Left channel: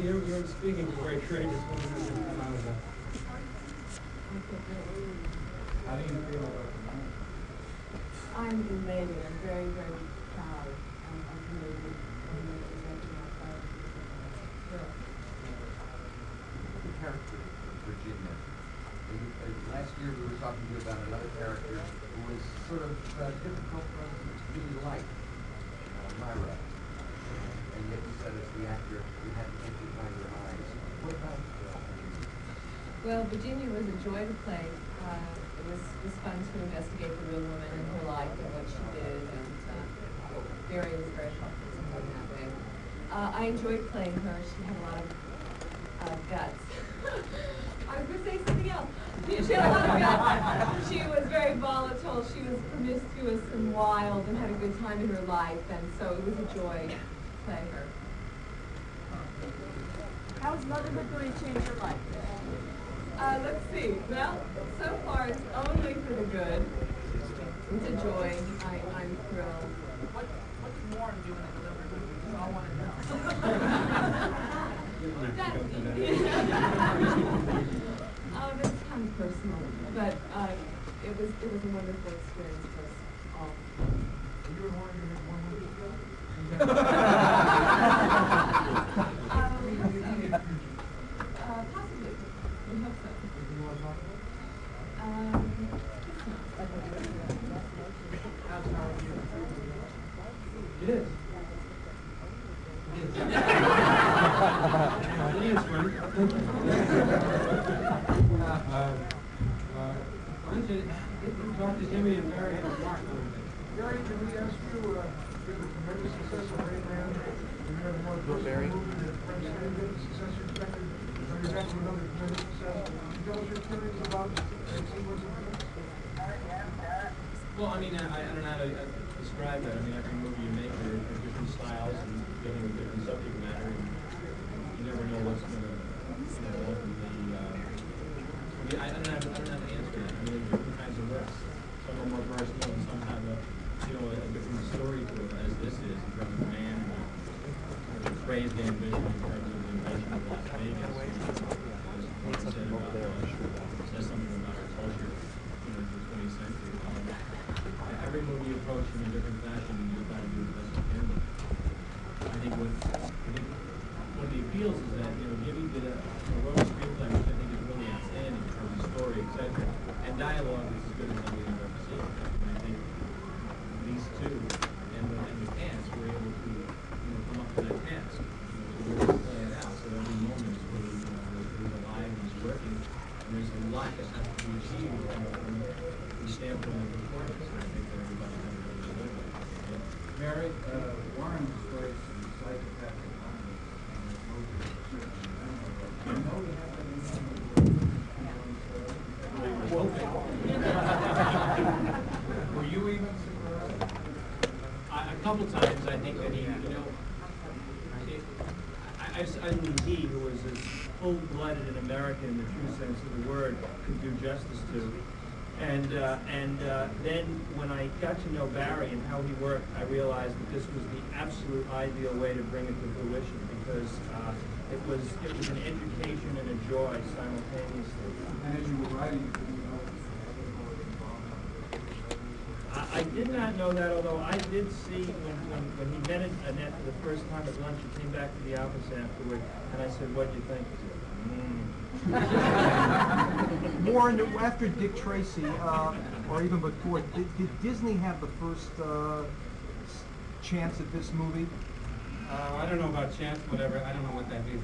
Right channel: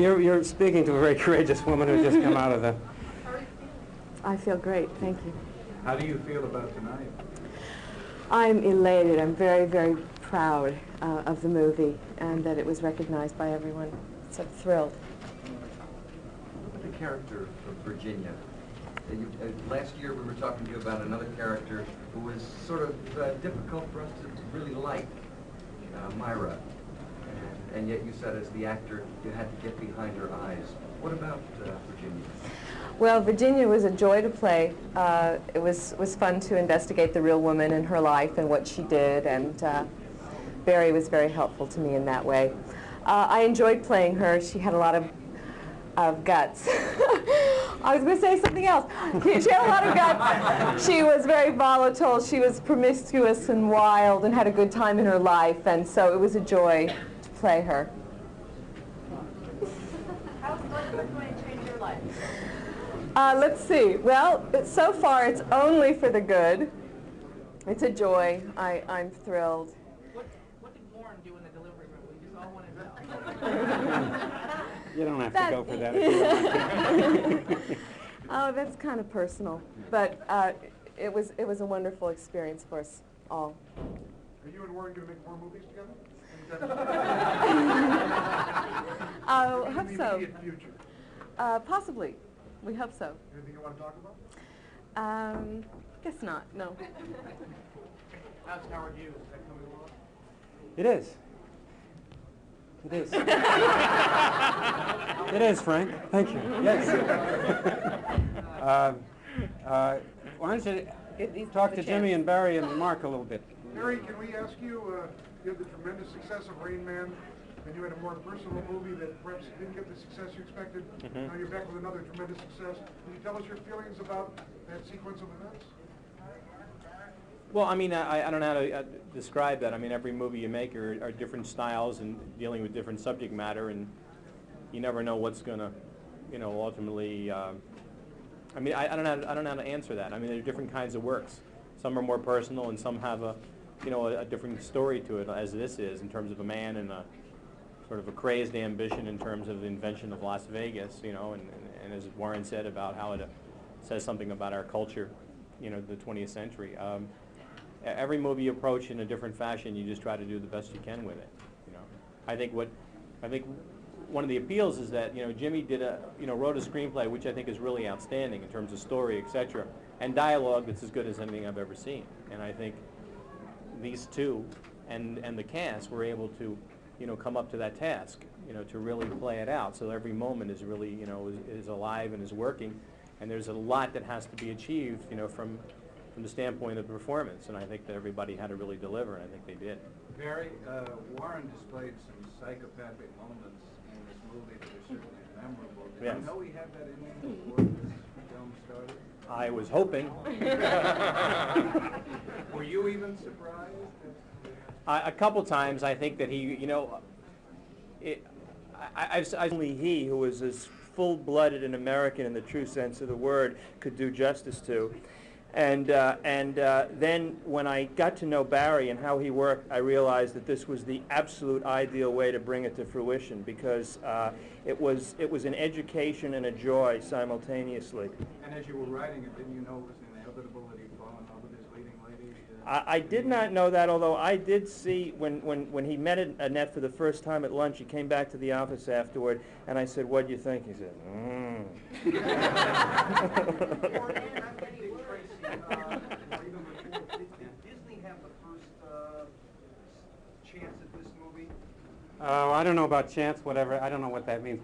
you're speaking to a very courageous woman who's just come out of the... I feel great, thank you. How do you feel about tonight? I'm elated. I'm very, very proud of the movie and that it was recognized by everyone. It's a thrill. The character of Virginia. Last year we were talking to you about another character who was sort of difficult for us to really like, Myra. And yet you said as the actor you had to get behind her eyes. What about Virginia? Well, Virginia was a joy to play. It was fun to investigate the real woman and her life and what she did, and Barry was very helpful to me in that way. I enjoyed playing her. She had a lot of guts. I was going to say something else. She had a lot of guts. She was very volatile. She was promiscuous and wild and had a good time in her life, and so it was a joy to play her. How's motherhood going to change your life? Let's see. Well, so far it's only for the good. It's a joy. I'm thrilled. What's more doing a delivery movie? I want to know. You don't have to go for that. Oh, that's kind of personal, but it was a wonderful experience for us all. You and Warren going to make more movies together? I hope so. Possibly. We hope so. Do you want to talk about it? Guess not. No. How's Howard Hughes? It is. It is. It is, Frank. Thank you. Yes. Why don't you talk to Jimmy and Barry and Mark a little bit? Barry, can we ask you, given the tremendous success of Rain Man, and you had a more personal movie that perhaps didn't get the success you expected, now you're back to another tremendous success. Can you tell us your feelings about that sequence of events? Well, I mean, I don't know how to describe that. I mean, every movie you make are different styles and dealing with different subject matter, and you never know what's going to, ultimately. I mean, I don't know how to answer that. I mean, there are different kinds of works. Some are more personal, and some have a different story to it, as this is in terms of a man and a sort of a crazed ambition in terms of the invention of Las Vegas. As Warren said about how it says something about our culture, the 20th century. Every movie you approach in a different fashion, you just try to do the best you can with it. I think one of the appeals is that Jimmy wrote a screenplay which I think is really outstanding in terms of story, etc., and dialogue that's as good as anything I've ever seen. And I think these two and the cast were able to come up to that task, to really play it out. So every moment is really is alive and is working, and there's a lot that has to be achieved from the standpoint of performance, and I think that everybody had to really deliver, and I think they did. Barry, Warren displayed some psychopathic moments in this movie that were certainly memorable. Yeah. I know we have that in the movie. I was hoping. Were you even surprised? A couple times, I think that he, I believe he, who was as full-blooded an American in the true sense of the word, could do justice to. And then when I got to know Barry and how he worked, I realized that this was the absolute ideal way to bring it to fruition, because it was an education and a joy simultaneously. And as you were writing, didn't you know other people were involved? I did not know that, although I did see when he met Annette for the first time at lunch, he came back to the office afterward, and I said, "What do you think?" He said, Warren, after Dick Tracy, or even before, did Disney have the first chance at this movie? I don't know about chance, whatever. I don't know what that means.